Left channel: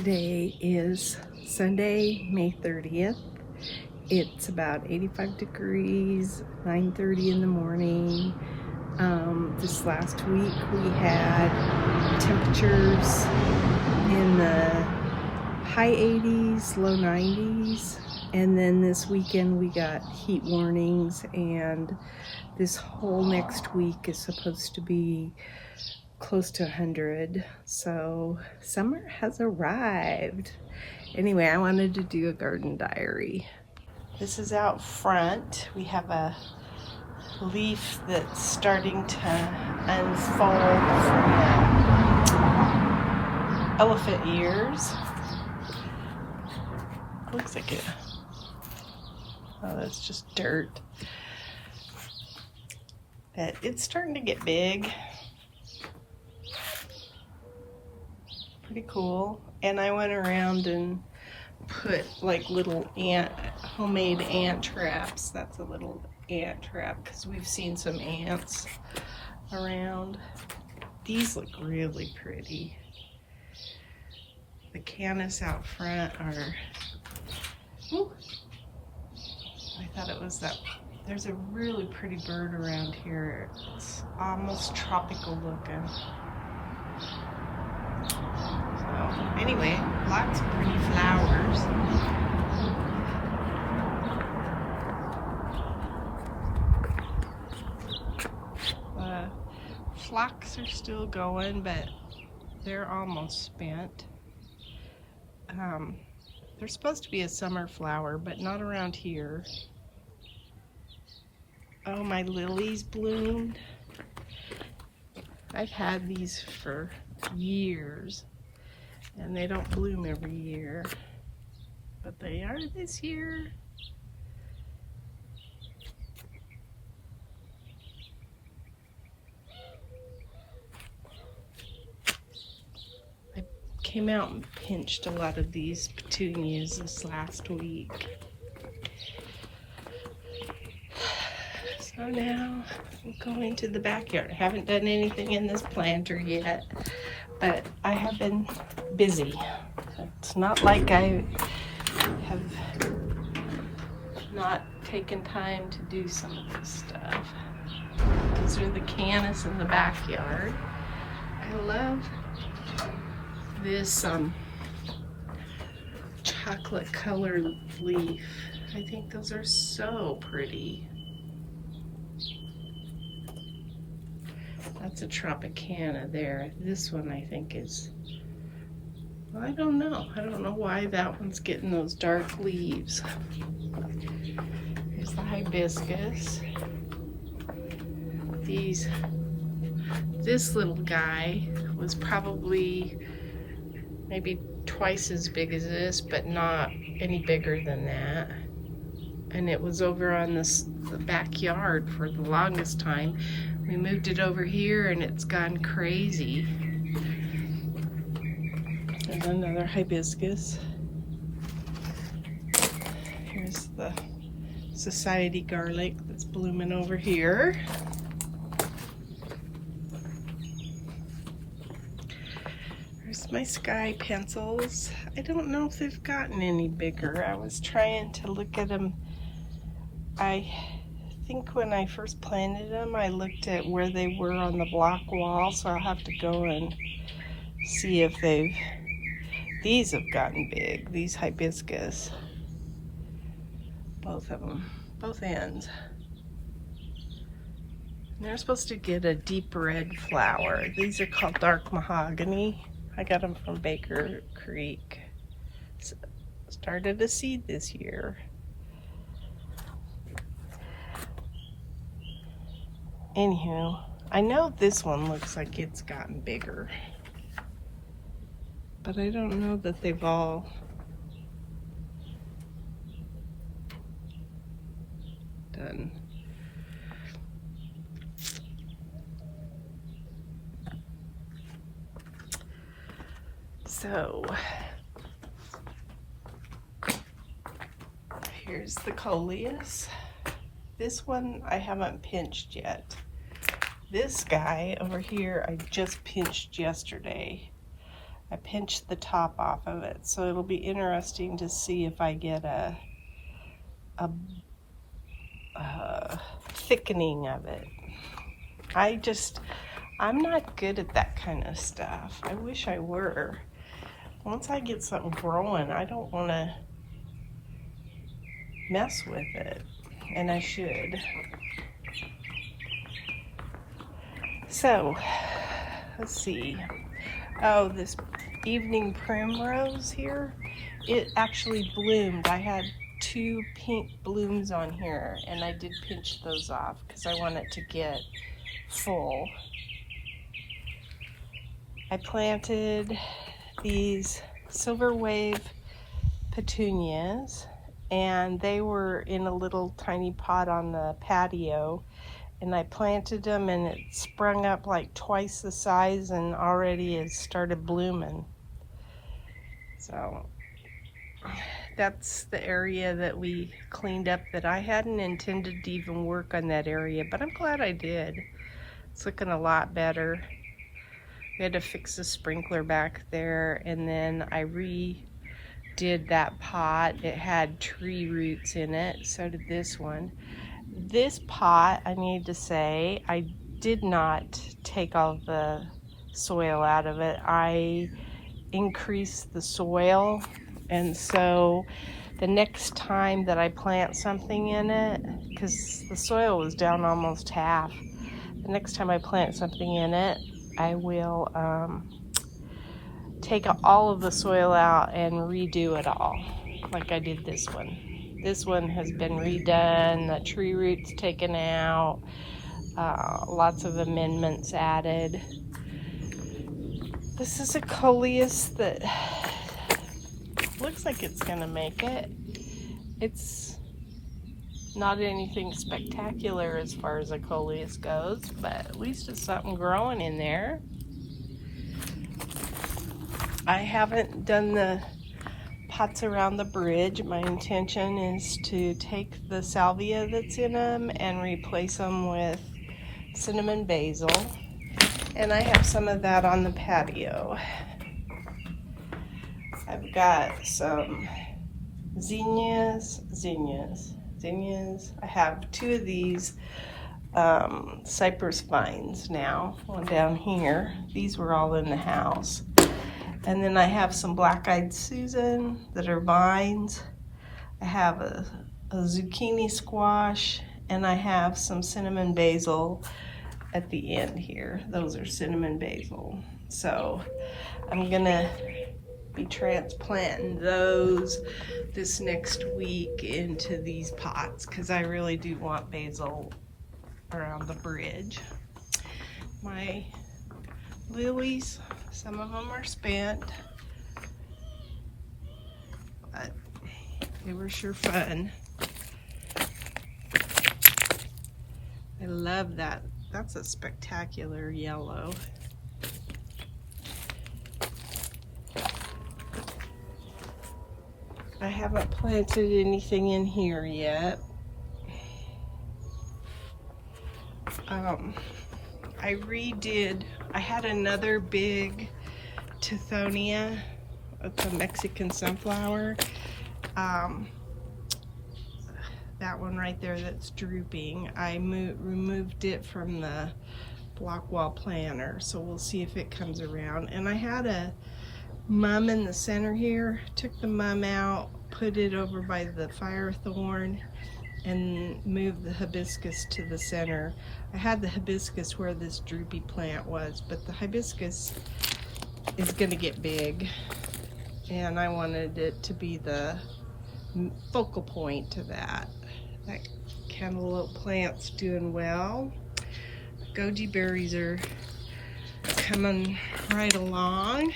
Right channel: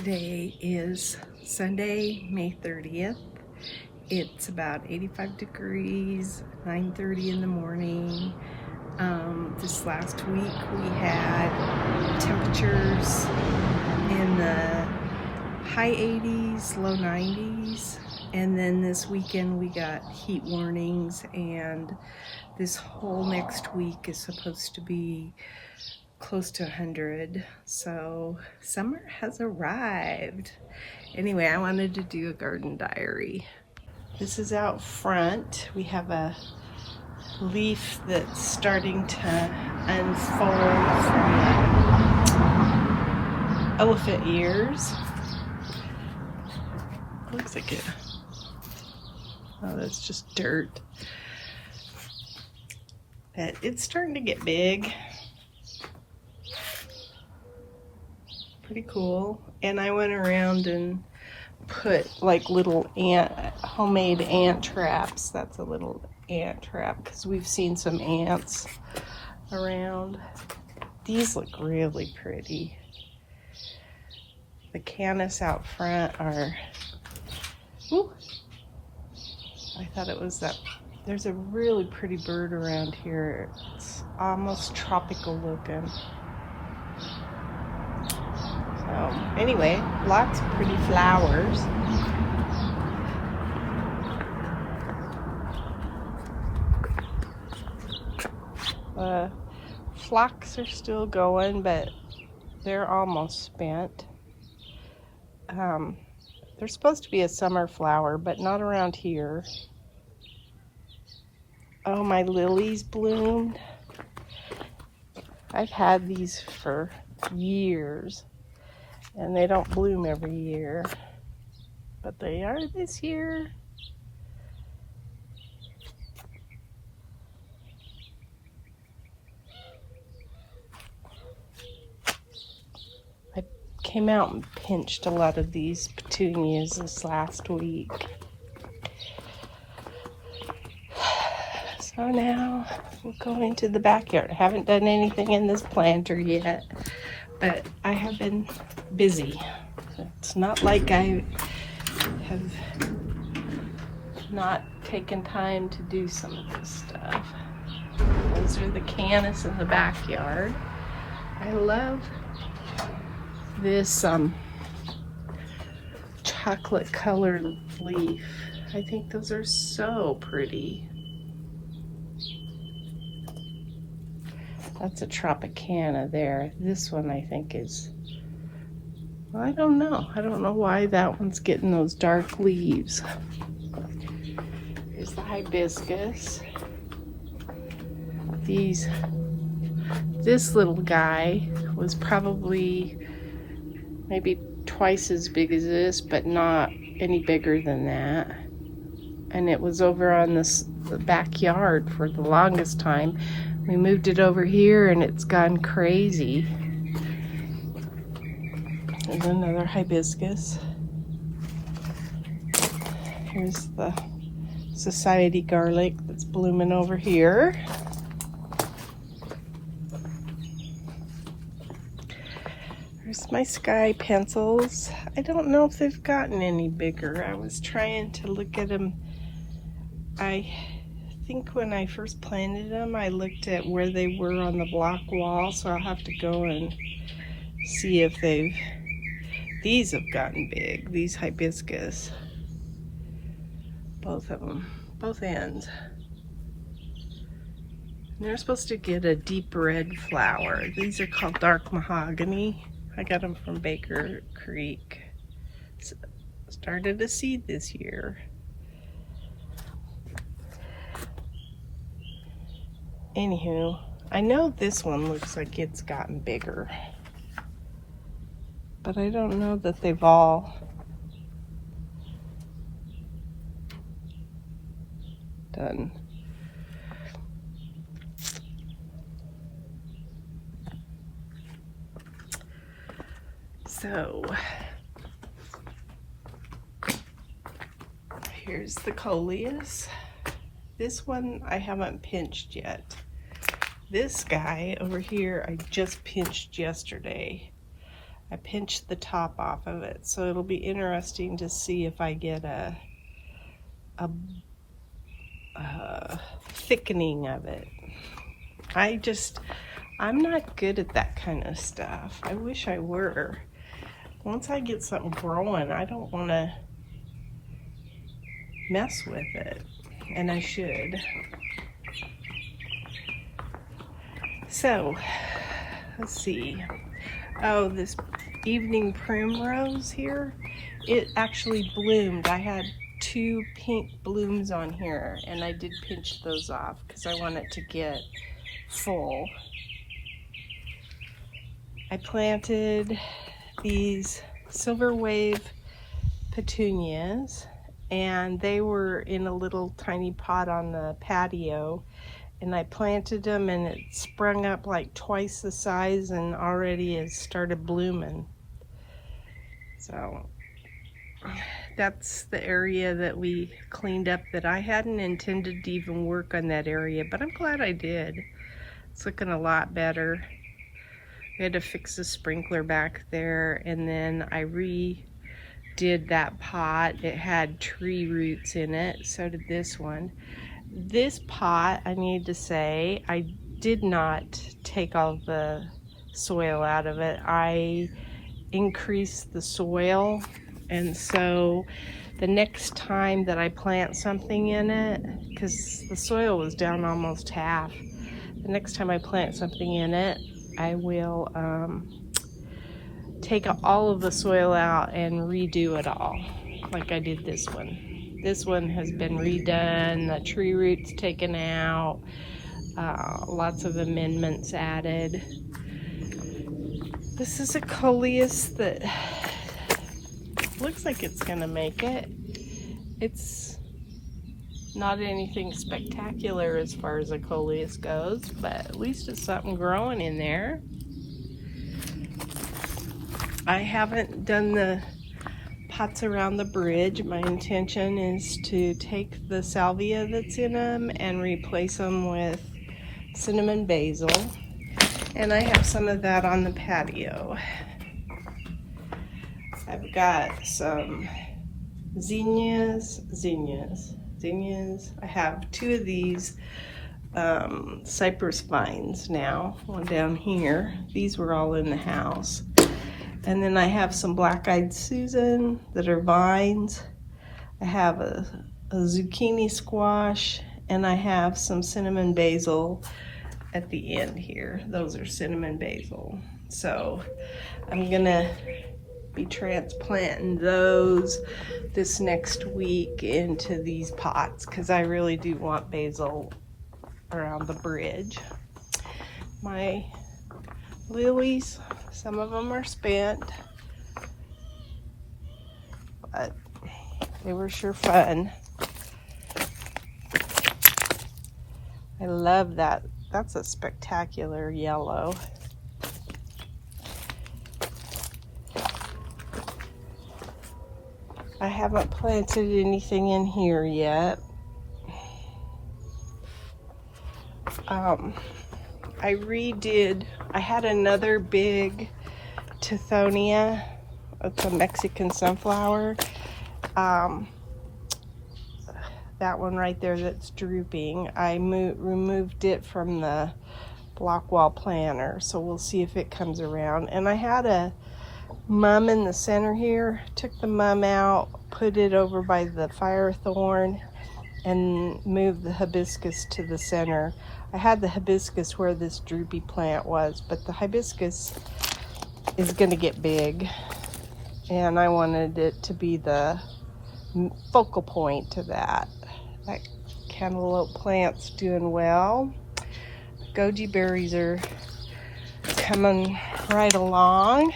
Today is Sunday, May 30th. It's about 85 degrees, 9:30 in the morning. This last week we had temperatures in the high 80s, low 90s. And then this weekend we got heat warnings, and this whole next week is supposed to be close to 100. So summer has arrived. Anyway, I wanted to do a garden diary. This is out front. We have a leaf that's starting to unfold from the elephant ears. Looks like it. Oh, that's just dirt. But it's starting to get big. Pretty cool. And I went around and put like little homemade ant traps. That's a little ant trap because we've seen some ants around. These look really pretty. The canis out front are, ooh, I thought it was that. There's a really pretty bird around here. It's almost tropical looking. So anyway, lots of pretty flowers. Phlox are still going, but they're almost spent. They're supposed to be a summer flower, but not around here. Oh, my lilies bloomed. I've had these for years, and they don't bloom every year, but they are this year. I came out and pinched a lot of these petunias this last week. So now we'll go into the backyard. I haven't done anything in this planter yet, but I have been busy. It's not like I have not taken time to do some of this stuff. Those are the canis in the backyard. I love this chocolate colored leaf. I think those are so pretty. That's a Tropicana there. This one I think is, well, I don't know. I don't know why that one's getting those dark leaves. Here's the hibiscus. This little guy was probably maybe twice as big as this, but not any bigger than that. And it was over on the backyard for the longest time. We moved it over here and it's gone crazy. There's another hibiscus. Here's the society garlic that's blooming over here. There's my sky pencils. I don't know if they've gotten any bigger. I was trying to look at them. I think when I first planted them, I looked at where they were on the block wall, so I'll have to go and see if these have gotten big, these hibiscus. Both of them, both ends. And they're supposed to get a deep red flower. These are called dark mahogany. I got them from Baker Creek. Started a seed this year. Anywho, I know this one looks like it's gotten bigger, but I don't know that they've all done. So here's the coleus. This one I haven't pinched yet. This guy over here I just pinched yesterday. I pinched the top off of it, so it'll be interesting to see if I get a thickening of it. I'm not good at that kind of stuff. I wish I were. Once I get something growing, I don't want to mess with it, and I should. So, let's see. Oh, this evening primrose here, it actually bloomed. I had 2 pink blooms on here, and I did pinch those off because I want it to get full. I planted these silver wave petunias, and they were in a little tiny pot on the patio, and I planted them, and it sprung up like twice the size and already has started blooming. So that's the area that we cleaned up that I hadn't intended to even work on that area, but I'm glad I did. It's looking a lot better. I had to fix the sprinkler back there, and then I redid that pot. It had tree roots in it, so did this one. This pot, I need to say, I did not take all the soil out of it. I increased the soil, and so the next time that I plant something in it, because the soil was down almost half, the next time I plant something in it, I will take all of the soil out and redo it all, like I did this one. This one has been redone, the tree roots taken out, lots of amendments added. This is a coleus that looks like it's gonna make it. It's not anything spectacular as far as a coleus goes, but at least it's something growing in there. I haven't done the pots around the bridge. My intention is to take the salvia that's in them and replace them with cinnamon basil. And I have some of that on the patio. I've got some zinnias. I have 2 of these cypress vines now, one down here. These were all in the house. And then I have some black-eyed Susan that are vines. I have a zucchini squash, and I have some cinnamon basil at the end here. Those are cinnamon basil. So I'm gonna be transplanting those this next week into these pots because I really do want basil around the bridge. My lilies, some of them are spent, but they were sure fun. I love that. That's a spectacular yellow. I haven't planted anything in here yet. I had another big Tithonia. It's a Mexican sunflower. That one right there that's drooping. I removed it from the block wall planter, so we'll see if it comes around. And I had a mum in the center here. Took the mum out, put it over by the firethorn, and moved the hibiscus to the center. I had the hibiscus where this droopy plant was, but the hibiscus is gonna get big, and I wanted it to be the focal point to that. That cantaloupe plant's doing well. The goji berries are coming right along.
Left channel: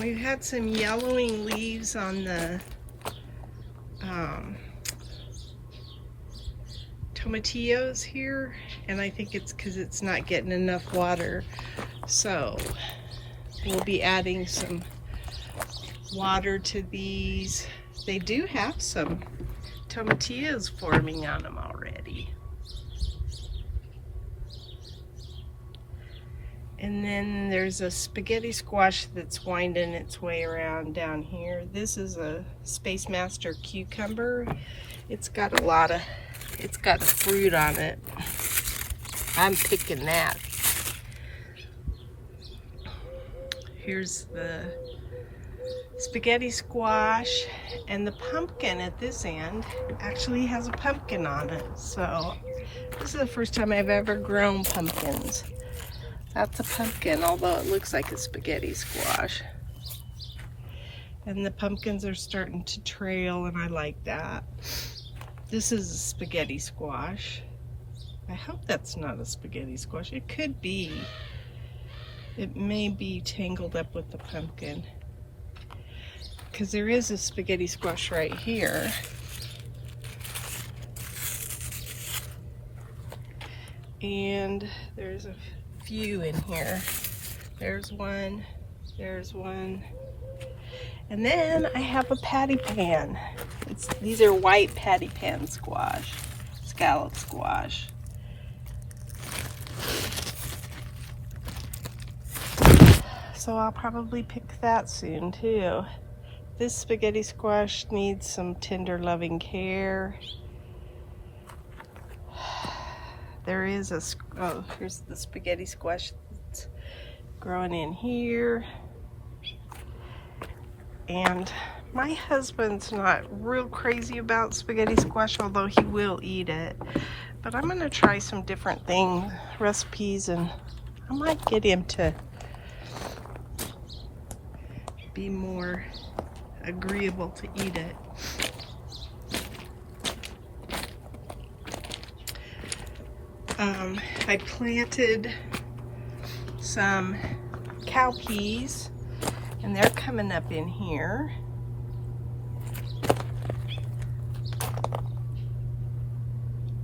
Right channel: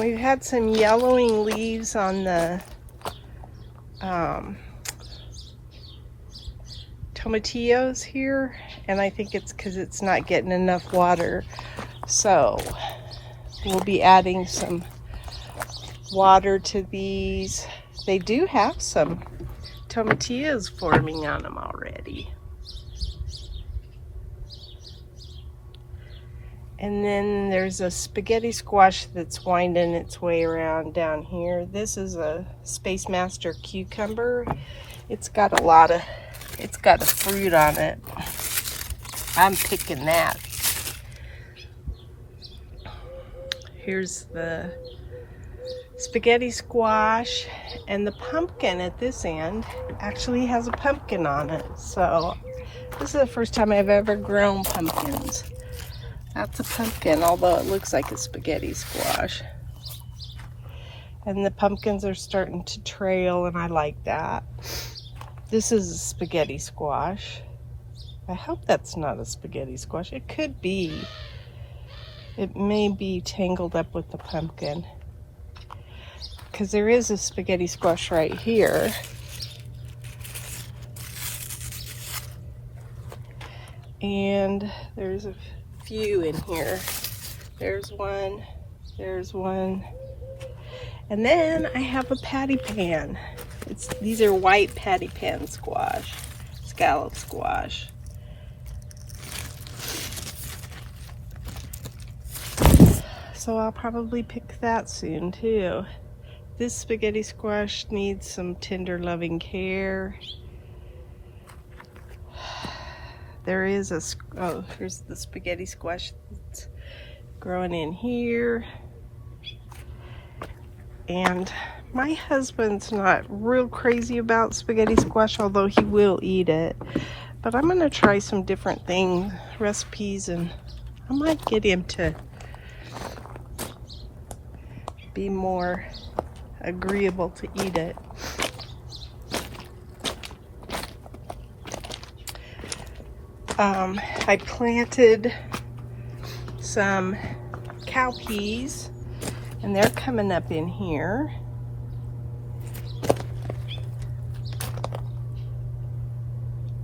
We've had some yellowing leaves on the tomatillos here, and I think it's because it's not getting enough water. So we'll be adding some water to these. They do have some tomatillos forming on them already. And then there's a spaghetti squash that's winding its way around down here. This is a Space Master cucumber. It's got a fruit on it. I'm picking that. Here's the spaghetti squash, and the pumpkin at this end actually has a pumpkin on it. So this is the first time I've ever grown pumpkins. That's a pumpkin, although it looks like a spaghetti squash. And the pumpkins are starting to trail, and I like that. This is a spaghetti squash. I hope that's not a spaghetti squash. It could be. It may be tangled up with the pumpkin, because there is a spaghetti squash right here. And there's a few in here. There's one, and then I have a patty pan. These are white patty pan squash, scallop squash. So I'll probably pick that soon too. This spaghetti squash needs some tender loving care. There is here's the spaghetti squash that's growing in here. And my husband's not real crazy about spaghetti squash, although he will eat it. But I'm gonna try some different recipes, and I might get him to be more agreeable to eat it. I planted some cowpeas, and they're coming up in here.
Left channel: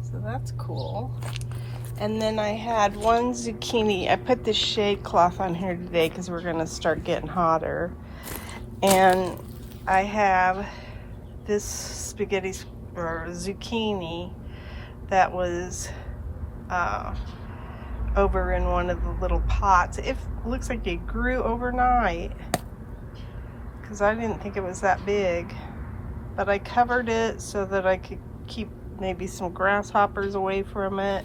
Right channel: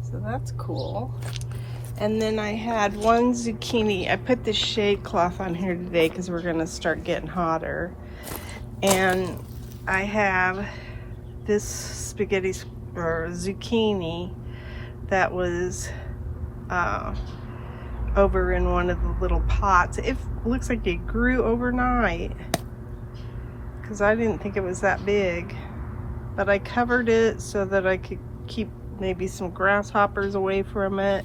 So that's cool. And then I had one zucchini. I put the shade cloth on here today because we're gonna start getting hotter. And I have this spaghetti or zucchini that was over in one of the little pots. It looks like it grew overnight because I didn't think it was that big. But I covered it so that I could keep maybe some grasshoppers away from it.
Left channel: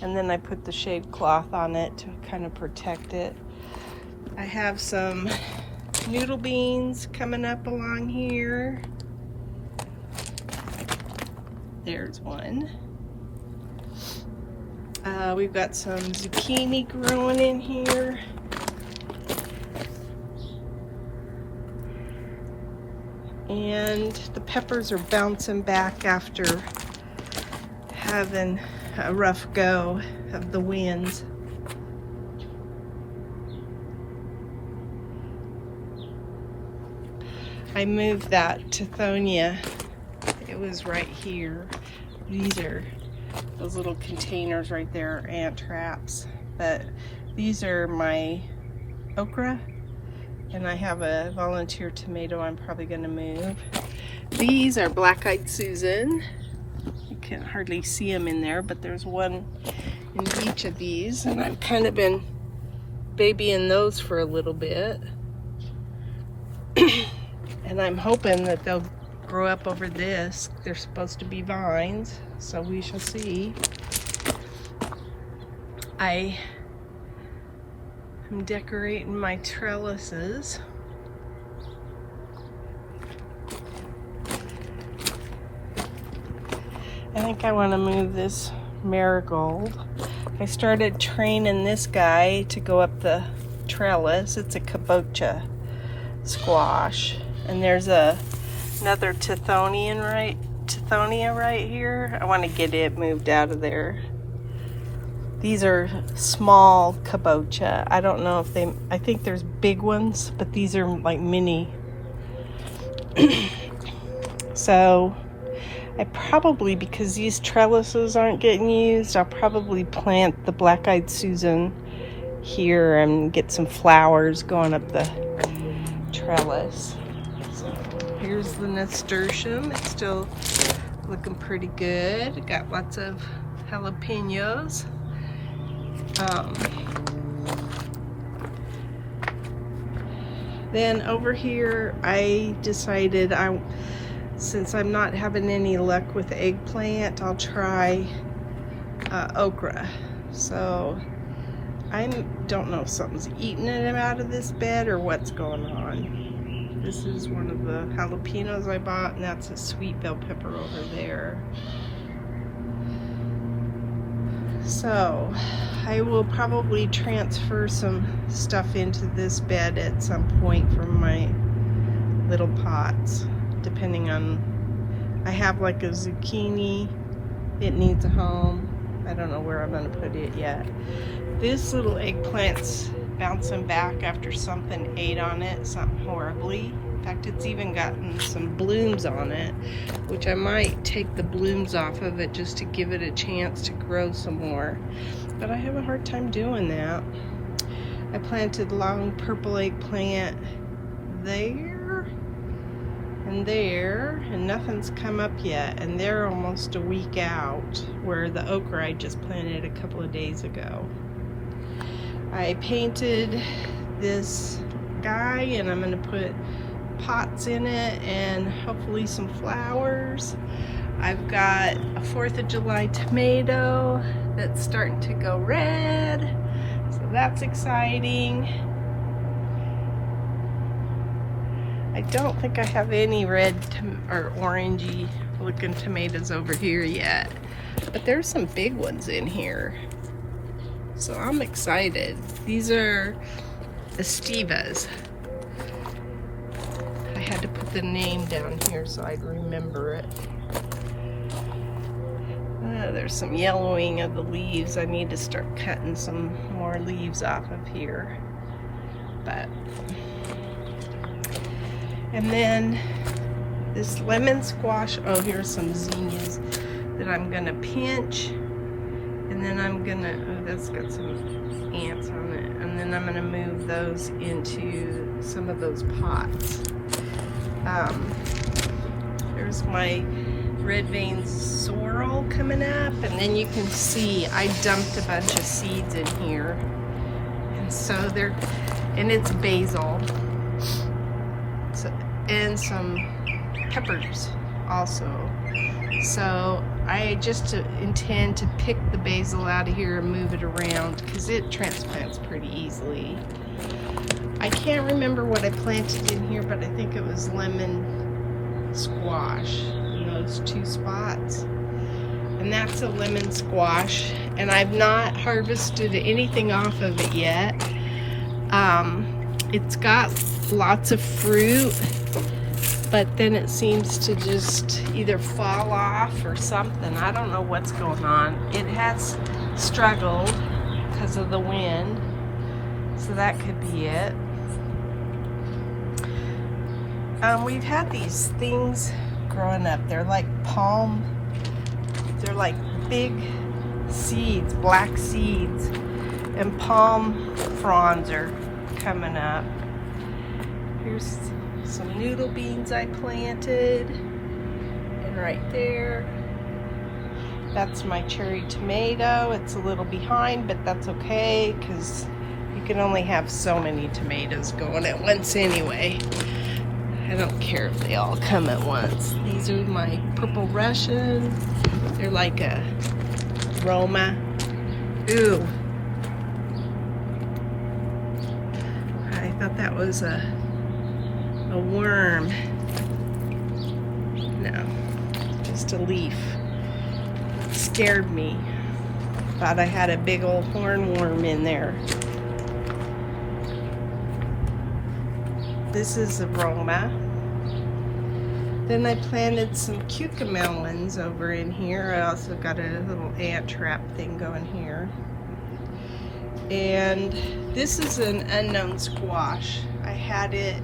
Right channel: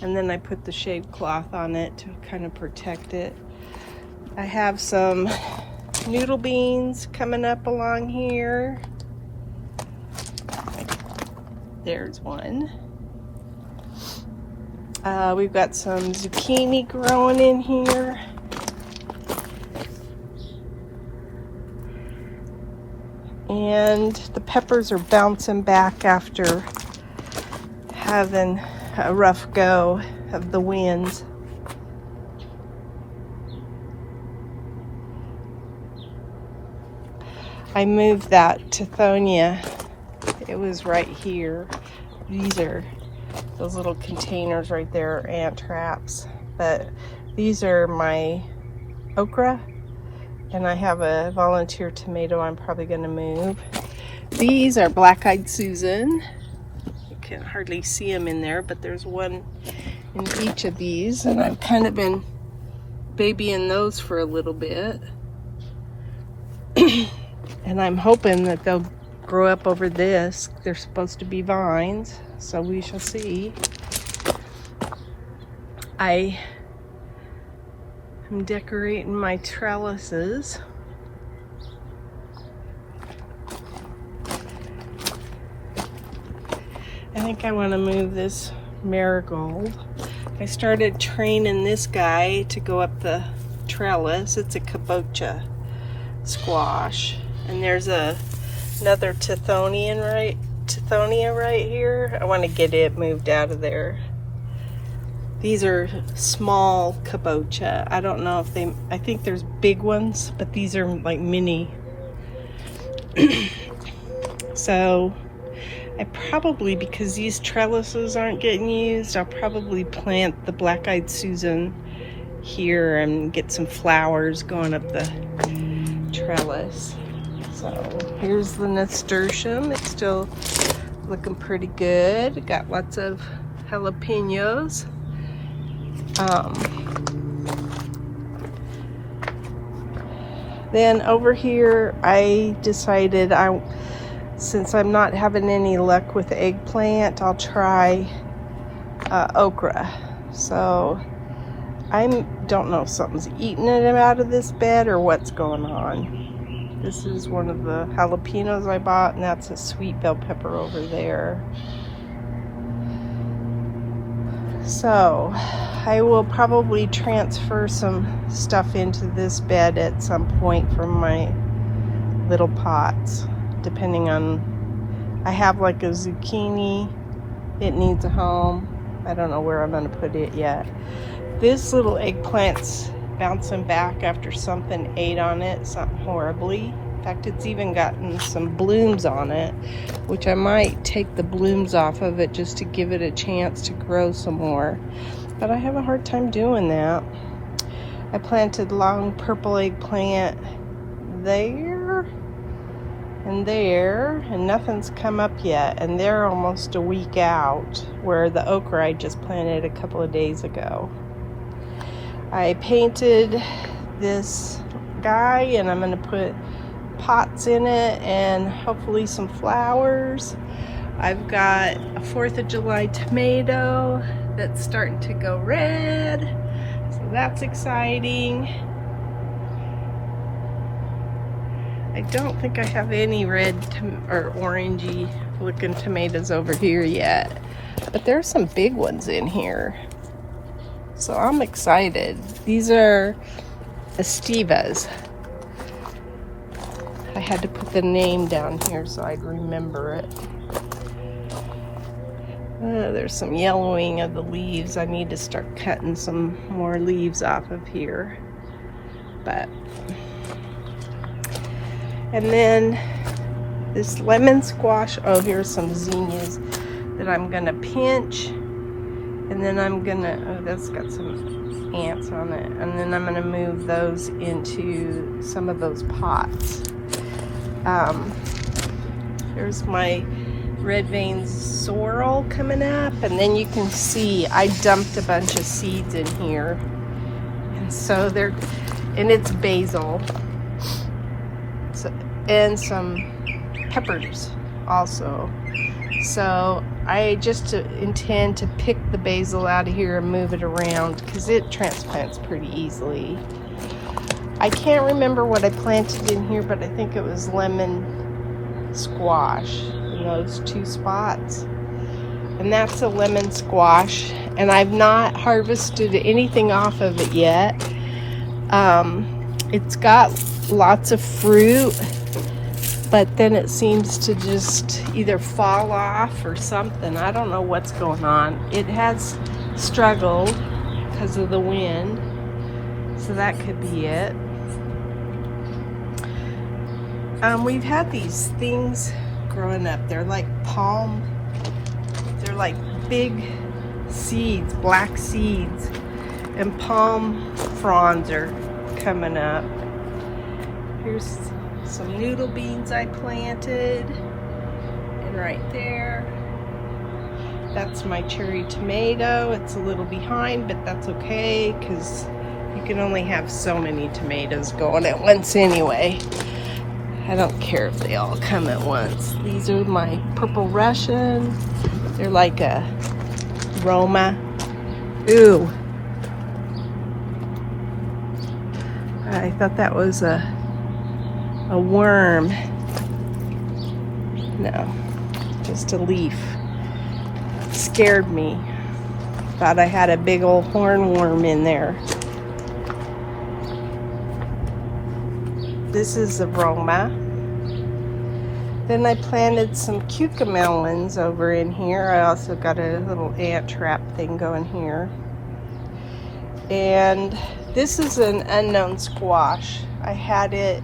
And then I put the shade cloth on it to kind of protect it. I have some noodle beans coming up along here. There's one. We've got some zucchini growing in here. And the peppers are bouncing back after having a rough go of the winds. I moved that Tithonia. It was right here. These are those little containers right there, are ant traps. But these are my okra, and I have a volunteer tomato I'm probably going to move. These are black-eyed Susan. You can't hardly see them in there, but there's one in each of these, and I've kind of been babying those for a little bit. And I'm hoping that they'll grow up over this. They're supposed to be vines, so we shall see. I am decorating my trellises. I think I want to move this marigold. I started training this guy to go up the trellis. It's a Kabocha Squash. And there's another Tithonia right here. I want to get it moved out of there. These are small kabocha. I don't know if I think there's big ones, but these are like mini. So I probably, because these trellises aren't getting used, I'll probably plant the black-eyed Susan here and get some flowers going up the trellis. So here's the nasturtium. It's still looking pretty good. Got lots of jalapenos. Then over here, I decided since I'm not having any luck with eggplant, I'll try okra. So I don't know if something's eating it out of this bed or what's going on. This is one of the jalapenos I bought, and that's a sweet bell pepper over there. So I will probably transfer some stuff into this bed at some point from my little pots, depending on, I have like a zucchini, it needs a home. I don't know where I'm gonna put it yet. This little eggplant's bouncing back after something ate on it, something horribly. In fact, it's even gotten some blooms on it, which I might take the blooms off of it just to give it a chance to grow some more. But I have a hard time doing that. I planted long purple eggplant there and nothing's come up yet, and they're almost a week out, where the okra I just planted a couple of days ago. I painted this guy, and I'm going to put pots in it and hopefully some flowers. I've got a 4th of July tomato that's starting to go red, so that's exciting. I don't think I have any red or orangey looking tomatoes over here yet, but there's some big ones in here, so I'm excited. These are Estivas. I had to put the name down here so I'd remember it. There's some yellowing of the leaves. I need to start cutting some more leaves off of here. And then this lemon squash. Oh, here's some zinnias that I'm gonna pinch, and then I'm gonna, oh, that's got some ants on it, and then I'm gonna move those into some of those pots. There's my red vein sorrel coming up, and then you can see I dumped a bunch of seeds in here, and so and it's basil, so, and some peppers also. So I just intend to pick the basil out of here and move it around because it transplants pretty easily. I can't remember what I planted in here, but I think it was lemon squash in those 2 spots. And that's a lemon squash, and I've not harvested anything off of it yet. It's got lots of fruit, but then it seems to just either fall off or something. I don't know what's going on. It has struggled because of the wind, so that could be it. We've had these things growing up. They're like they're like big seeds, black seeds, and palm fronds are coming up. Here's some noodle beans I planted, and right there, that's my cherry tomato. It's a little behind, but that's okay because you can only have so many tomatoes going at once anyway. I don't care if they all come at once. These are my purple Russian. They're like a Roma. Ooh. I thought that was a worm. No, just a leaf. It scared me. Thought I had a big old hornworm in there. This is a Roma. Then I planted some cucamelons over in here. I also got a little ant trap thing going here. And this is an unknown squash. I had it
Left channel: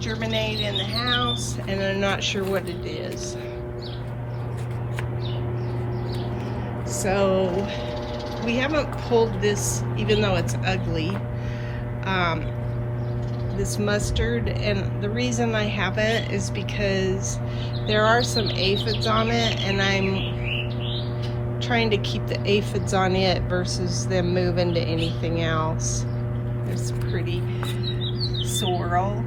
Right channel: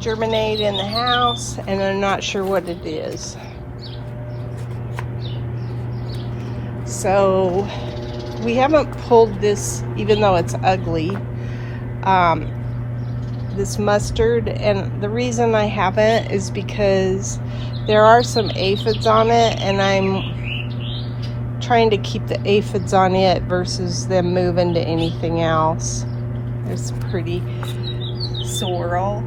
germinate in the house, and I'm not sure what it is. So we haven't pulled this, even though it's ugly, this mustard, and the reason I haven't is because there are some aphids on it, and I'm trying to keep the aphids on it versus them moving to anything else. There's a pretty sorrel.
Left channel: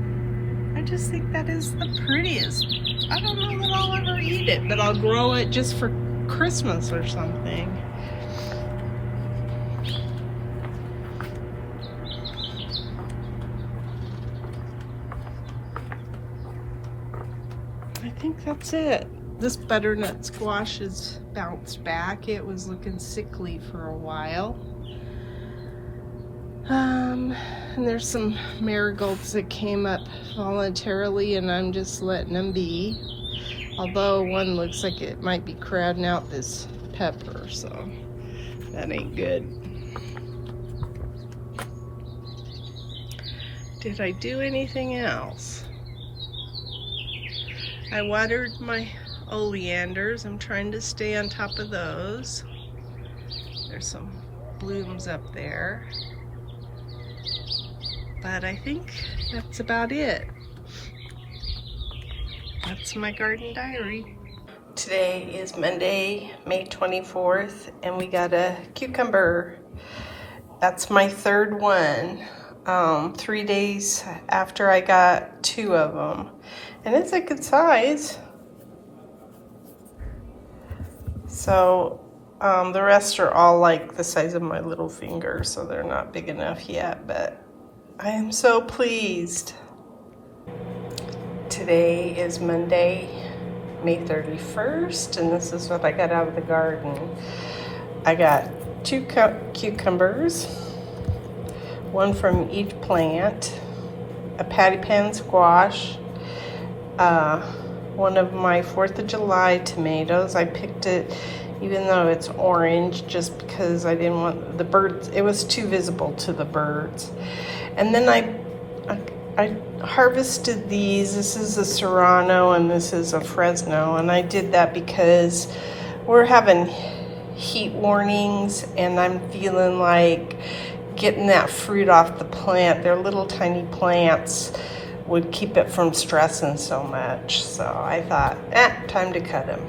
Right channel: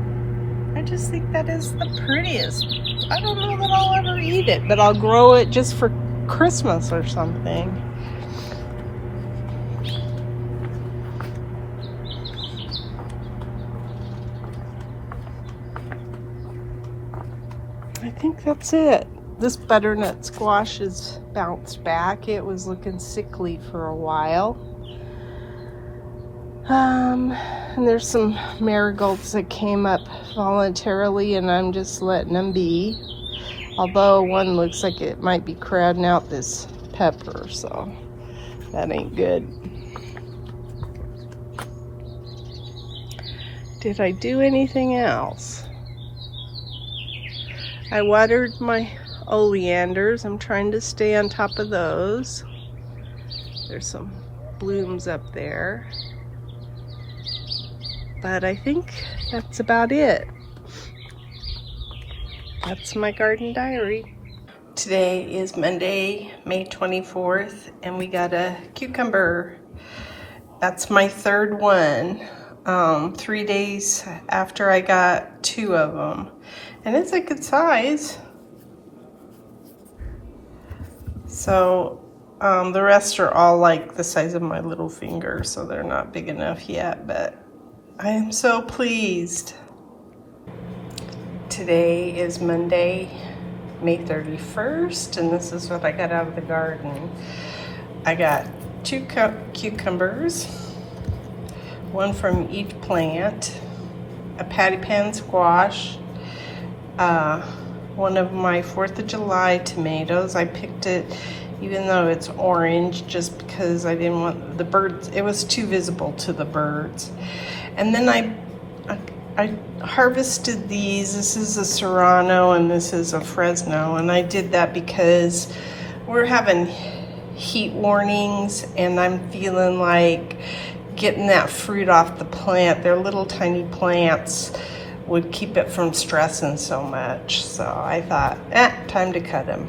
I just think that is the prettiest. I don't know that I'll ever eat it, but I'll grow it just for Christmas or something. I think that's it. This butternut squash has bounced back. It was looking sickly for a while. And there's some marigolds that came up voluntarily, and I'm just letting them be. Although one looks like it might be crowding out this pepper, so that ain't good. Did I do anything else? I watered my oleanders. I'm trying to stay on top of those. There's some blooms up there. But I think that's about it. That's my garden diary. Today is Monday, May 24th, and we got a cucumber. That's my third one. 3 days after I got 2 of them. And it's a good size. So the rest are all like the size of my little finger, so they're not big enough yet, but I am so pleased. Today is Monday, May 31st, and this is what I got out of the garden. I got 2 cucumbers, one from each plant, a patty pan squash, one of my 4th of July tomatoes. I picked it even though it's orange just because I didn't want the birds, it was too visible to the birds. And then I harvested these. This is a Serrano and this is a Fresno, and I did that because we're having heat warnings and I'm feeling like getting that fruit off the plant. They're little tiny plants, would keep it from stressing so much. So I thought, time to cut them.